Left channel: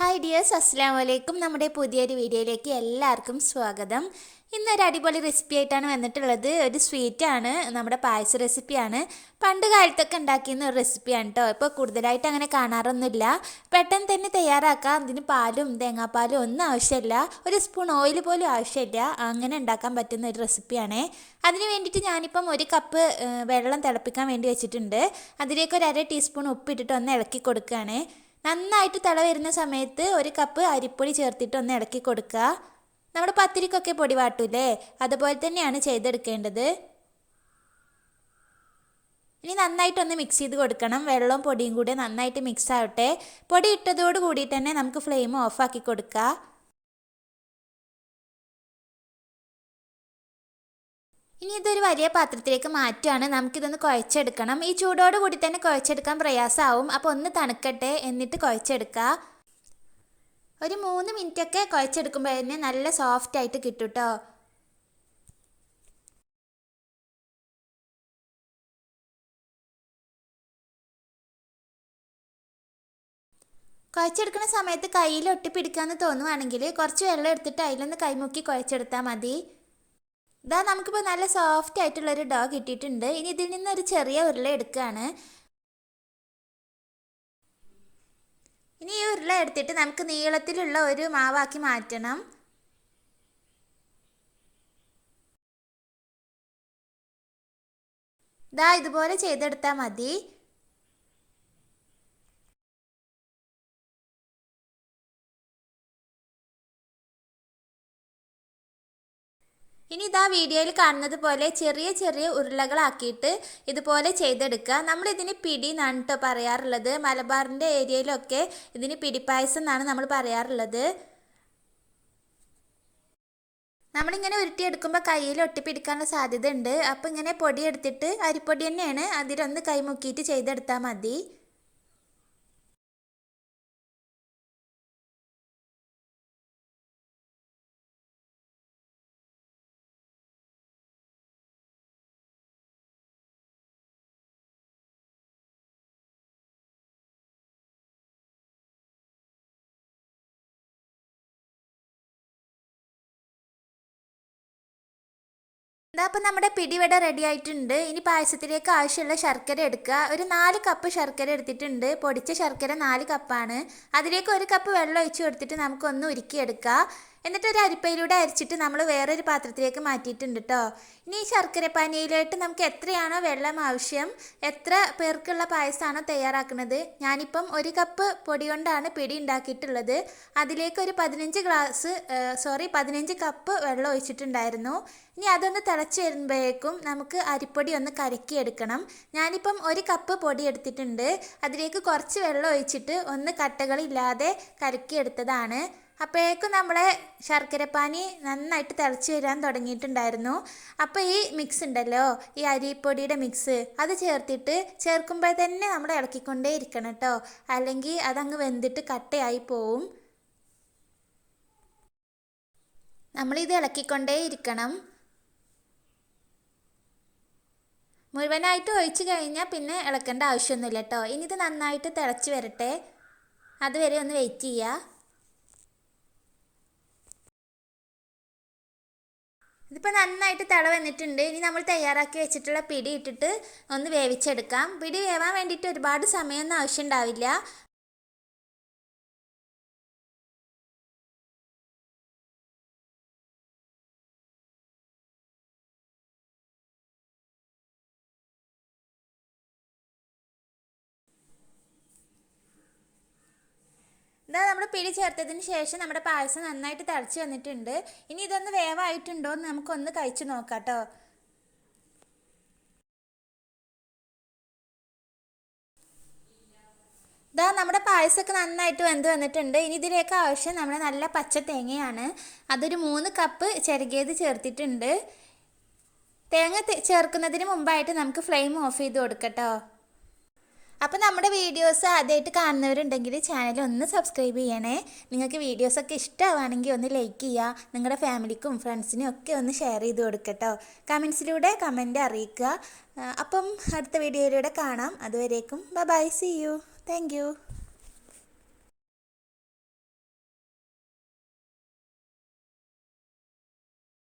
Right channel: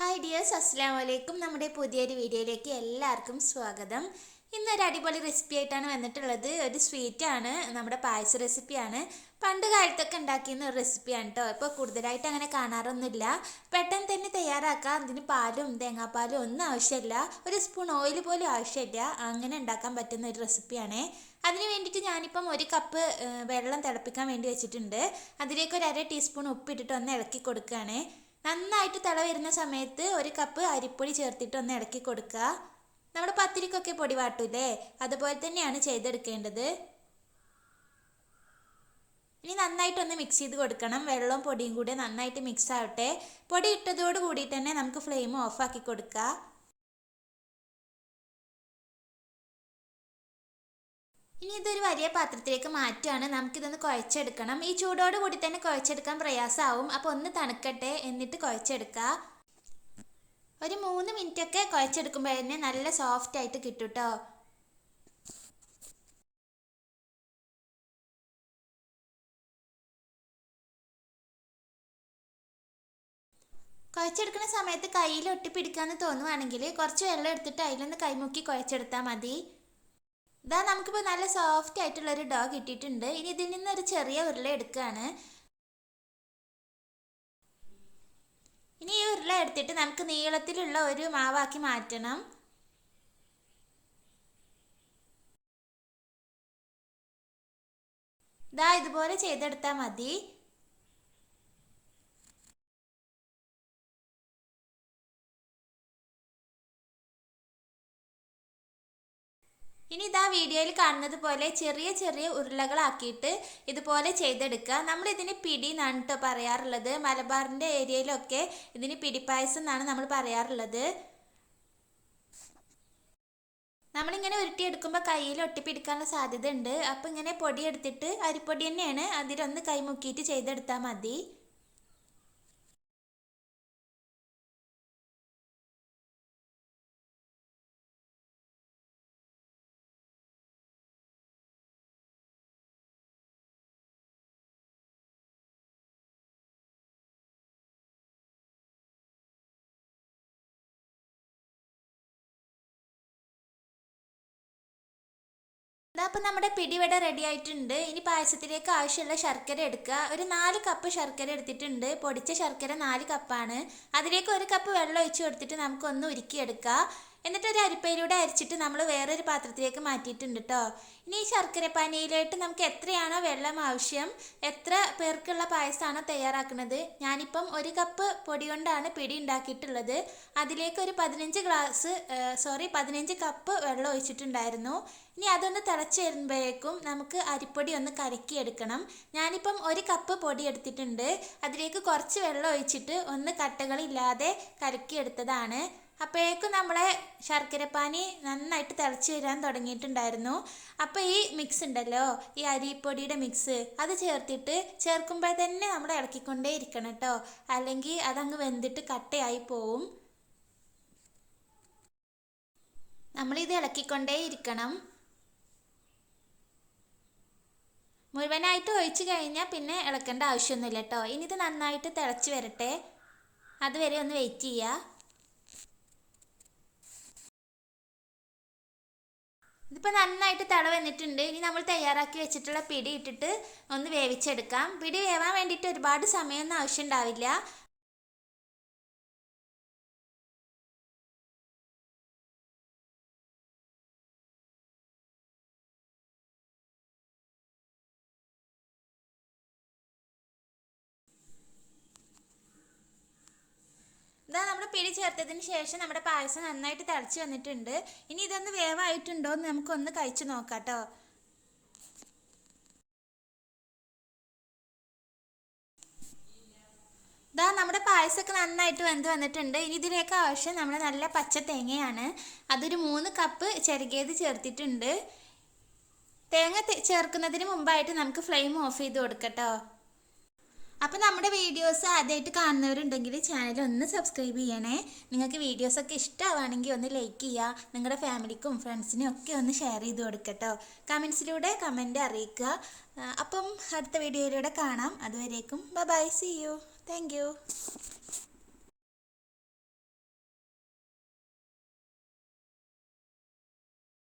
Hi dears, അസ്സലാമു അലൈക്കും. നമ്മുടെ പുതിയൊരു വീഡിയോയിലേക്ക് എല്ലാവർക്കും സ്വാഗതം. ഇന്നൊരു അടിപൊളി റെസിപ്പി ആയിട്ടാണ് വന്നിട്ടുള്ളത്. ഒരു സ്വീറ്റാണ്, നമ്മുടെ പായസ റെസിപ്പിയാണ്. പണ്ട് കാലത്തൊക്കെ ഉണ്ടാക്കിയിരുന്ന ഒരു റെസിപ്പിയാണ് കേട്ടോ. ഇപ്പോൾ കൂടുതലായിട്ട് അങ്ങനെ കാണാറൊന്നുമില്ല. പെട്ടെന്ന് തന്നെ തയ്യാറാക്കാം. അതിന് പാലും തേങ്ങാപ്പാലും ഒന്നും ആവശ്യമില്ല, ഒരു സ്പൂൺ ഓയിൽ പോലും ആവശ്യമില്ല. അങ്ങനെ ഉണ്ടാക്കാൻ പറ്റുന്ന ഒരു റെസിപ്പിയാണ്. അതിന് വേണ്ടിയിട്ട് ഞാനിപ്പം ഒരു കപ്പ് വെള്ളം തിളപ്പിക്കാൻ വേണ്ടി വെച്ചിട്ടുണ്ട്. അതിലേക്ക് ഒരു അര ടീസ്പൂൺ ഉപ്പിട്ടിട്ട് ഒന്ന് ഇളക്കി കൊടുക്കുകയാണ്. നന്നായിട്ട് തിള വരുന്ന സമയത്ത് ഒരു കപ്പ് അരിപ്പൊടി ചേർത്തിട്ട് ഒന്ന് ഇളക്കി കൊടുക്കുക. നമ്മുടെ പത്തിരിക്കൊക്കെ പൊടി വാട്ടൂലേ, അതുപോലെ തന്നെയാണ് ചെയ്തെടുക്കേണ്ടത്. ഇനി നന്നായിട്ടൊന്ന് മിക്സ് ചെയ്ത് കൊടുക്കണം. വെള്ളവും പൊടിയും കൂടെ നന്നായിട്ട് മിക്സ് ആവട്ടെ. പൊടി ഇട്ടതോട് കൂടിയിട്ട് തന്നെ നമുക്ക് ഫ്ലെയിം ഓഫാക്കി കൊടുക്കുക. ഇനി ഇതൊരു വലിയ പാത്രത്തിലേക്ക് മാറ്റുകയാണ്. നമുക്കിതൊന്ന് കുഴച്ചെടുക്കണം. ഈ ചൂടോട് കൂടി തന്നെ കുഴച്ചെടുക്കാൻ പ്രയാസമാവും. അപ്പോൾ ഒന്ന് തണുക്കട്ടെ, എന്നിട്ട് കുഴച്ചെടുക്കുക. ഒരു 3 മിനിറ്റൊക്കെ കുഴച്ചെടുക്കുമ്പോൾ തന്നെ നല്ല സോഫ്റ്റ് ആയിട്ട് കിട്ടും കേട്ടോ. കുഴച്ചെടുക്കുന്ന സമയത്ത് കയ്യിൽ ഒട്ടിപ്പിടിക്കാമെന്ന് തോന്നുവാണെങ്കിൽ കുറച്ച് വെള്ളം എടുത്തിട്ട് അതിലൊന്ന് കൈമുക്കി കുഴച്ചെടുത്താൽ മതി. ഇതാ നമുക്കിപ്പോൾ നല്ല സോഫ്റ്റ് ആയിട്ടുള്ളൊരു ഡോ കിട്ടിയിട്ടുണ്ട്. ഇനി ഇതിൽ നിന്നൊരു ചെറിയ ഉരുള എടുക്കുകയാണ്. ഇനി ഈ ഉരുള എടുത്തിട്ട് നമുക്ക് നീളത്തിലുള്ള ഒരു മാവാക്കി മാറ്റണം. ഇതാ ഇതുപോലെ ചെയ്തെടുത്താൽ മതി. ഇനി ഇതാ വീഡിയോയിൽ കാണുന്നത് പോലെ ചെറിയ ചെറിയ ഉരുളകളാക്കിയിട്ട് ഇതുപോലെ ചെയ്തെടുക്കുക. നമ്മളിതിന് പിടി എന്നാണ് കേട്ടോ പറയാറുള്ളത്. മലബാറിൻ്റെ ഏരിയയിലൊക്കെ ഇതിന് പിടിപ്പായസം എന്നാണ് നമ്മൾ പറയാറുള്ളത്. നമ്മളിങ്ങനെ ഉരുട്ടിയെടുക്കുമ്പോൾ കയ്യിൽ ഒട്ടിപ്പിടിക്കാനുള്ള സാധ്യത ഉണ്ട്. അപ്പോൾ ഇങ്ങനെ പൊടി എടുത്തിട്ട്, അരിപ്പൊടി തന്നെയാണ്, അതിലൊന്ന് കൈ മുക്കിയിട്ട് ചെയ്തെടുത്താൽ മതി. ഇതാ അപ്പം നമ്മുടെ പിടിവട റെഡി ആയിട്ടുണ്ട്. ഇനി പായസത്തിലേക്ക് ആവശ്യമുള്ള ശർക്കര എടുക്കുക. ഒരു 4 കപ്പ് ശർക്കര എടുത്തിട്ടുണ്ട്. പൊടിച്ച ശർക്കര 4 കപ്പാണ്. അതിലേക്ക് 1 കപ്പ് വെള്ളം ഒഴിച്ച് കൊടുത്തിട്ട് നമുക്കൊന്ന് ഉരുക്കിയെടുക്കാം. എന്നിട്ട് ഒരു അരിപ്പയിലൂടെ അരിച്ചിട്ട് നമ്മൾ വേറൊരു പാത്രത്തിലേക്ക് മാറ്റിയിട്ടുണ്ട് കേട്ടോ. ഇനി ഈ ശർക്കര പാനിയിലോട്ട് നമുക്ക് എത്രയാണോ വെള്ളം ആവശ്യം, എത്ര പേർക്കുള്ള പായസമാണോ തയ്യാറാക്കുന്നത്, ഞാനിപ്പം 1 കപ്പ് പൊടി കൊണ്ടാണ് പിടി ഉണ്ടാക്കിയിട്ടുള്ളത്. അതിലേക്ക് ഒരു 15 കപ്പ് വെള്ളം ഒഴിച്ചിട്ടുണ്ടായിരുന്നു. ഇനി അതൊന്ന് തിളച്ച് വരുമ്പോഴേക്കും നമുക്ക് അരിപ്പൊടി ഒന്ന് കലക്കിയെടുക്കണം. ഞാനിപ്പം 1 കപ്പ് പൊടി എടുത്തിട്ടുണ്ട്. അതിലേക്ക് കുറച്ച് വെള്ളം ഒഴിച്ചിട്ട് ഒന്ന് കട്ടകളില്ലാതെ കലക്കിയെടുത്തതാണ്. അപ്പോഴേക്കും നമ്മളെ ശർക്കരപ്പാനി നന്നായിട്ട് തിളച്ച് വരാൻ തുടങ്ങിയിട്ടുണ്ടായിരുന്നു. അപ്പോൾ ഈ മിക്സ് ഉണ്ടല്ലോ, ഈ അരിപ്പൊടിയുടെ മിക്സ്, അത് ചേർക്കുമ്പോൾ തന്നെ നമ്മൾ ഇളക്കിക്കൊണ്ടേ ഇരിക്കണം കേട്ടോ. അല്ലെങ്കിൽ അതങ്ങ് വെന്തിട്ട് കട്ടയായി പോവും. നമ്മളിത് ഇളക്കിക്കൊണ്ടേ ഇരിക്കണം. മുഴുവനായിട്ട് ഒഴിച്ച് കഴിഞ്ഞാൽ പിന്നെ ഇളക്കേണ്ട ആവശ്യമൊന്നുമില്ല കേട്ടോ. ഇനി ഇത് നന്നായിട്ട് തിളച്ച് വരട്ടെ, അതുവരെ ഒന്ന് വെയിറ്റ് ചെയ്യുക. ഇതിപ്പോൾ നന്നായിട്ട് തിള വന്നിട്ടുണ്ട്. ഇനി നമ്മൾ തയ്യാറാക്കി വെച്ചിട്ടുള്ള പിടി ഇട്ടിട്ട് ഒന്ന് വേവിച്ചെടുക്കാം. പിടി വേവാൻ വേണ്ടിയിട്ട് ഒരുപാട് സമയമൊന്നും ആവശ്യം ഉണ്ടാവില്ല. ഇതാ നമ്മൾ പിടി ചേർത്തതിന് ശേഷം നമ്മുടെ പായസം നന്നായിട്ട് തിളച്ച് വന്നിട്ടുണ്ട്. ഇനി ഇതൊന്ന് വേവായിട്ടുണ്ടോ എന്ന് നമുക്കൊന്ന് കഴിച്ച് നോക്കാം കേട്ടോ. ഇതാ നമ്മുടെ പായസമൊക്കെ നന്നായിട്ട് വെന്ത് വന്നിട്ടുണ്ട്. ഇനി ഇതിലേക്ക് ആവശ്യം നമ്മുടെ നല്ല പച്ച തേങ്ങയാണ്. അതൊരു 3 കപ്പ് ചിരകിയത് ചേർത്തിട്ടുണ്ട്. തേങ്ങ ചേർക്കുന്നതിന് മുമ്പായിട്ട് നമുക്ക് ഫ്ലെയിം ഓഫ് ചെയ്ത് കൊടുക്കട്ടോ. അപ്പോൾ നമ്മുടെ വീഡിയോസ് ആദ്യമായിട്ട് കാണുന്നവരുണ്ടെങ്കിൽ ചാനൽ ഒന്ന് സബ്സ്ക്രൈബ് ചെയ്യണേ. നിങ്ങൾക്ക് വീഡിയോസൊക്കെ ഇഷ്ടമാണെങ്കിൽ ഒന്ന് ലൈക്ക് ചെയ്യുക. നിങ്ങളുടെ ഫാമിലിക്കും ഫ്രണ്ട്സിനും ഒക്കെ ഒന്ന് ഷെയർ ചെയ്ത് കൊടുക്കട്ടോ. കമൻസിലൂടെ കമൻറ്റ് അറിയിക്കുക. അപ്പം അടുത്ത വീഡിയോയിലൂടെ കാണാം. അതുവരേക്കും bye, see you. Thank U.